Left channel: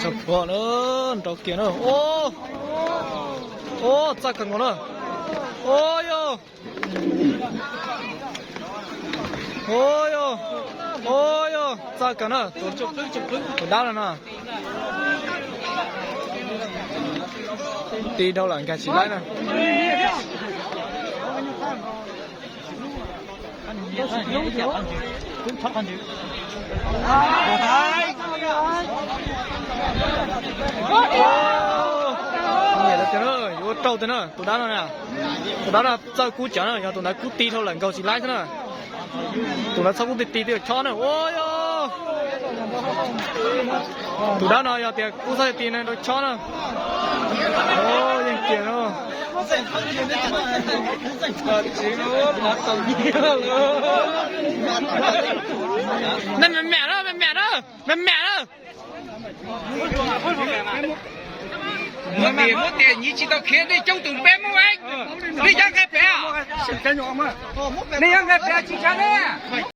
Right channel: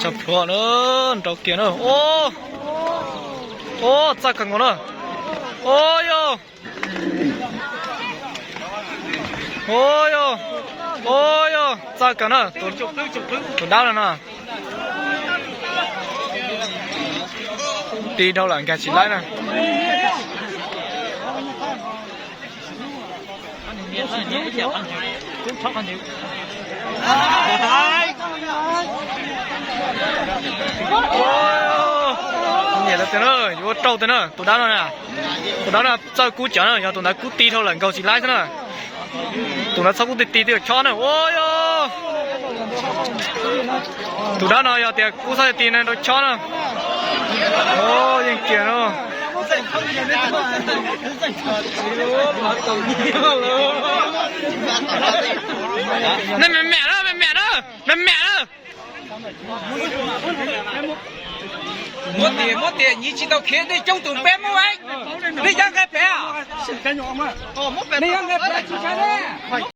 chụp phượng nữa trâu kia nữa ô chắc cần nữa ôi yo ôi yo ôi yo chắc cần nữa tụi đau rồi nè đi đâu là cái chỉ lại nè nhẹ là thế nữa, vô trâu thế nữa, tụi đó là sao cú chở nữa, tụi nó cú ti thôi là cầu chỉ lái thế nữa, tụi nó sao cú ti thì cho nữa, ôi yo, tụi đó nó giờ tiền cú sao tiền này nó cho nữa, ôยังkia nữa, này mẹ đó. Mua tiền nhỉ chỉ có khiến đi trong tụi bé mua anh đi ra cái bé à? Đi ra cái bé chỉ cho đấy.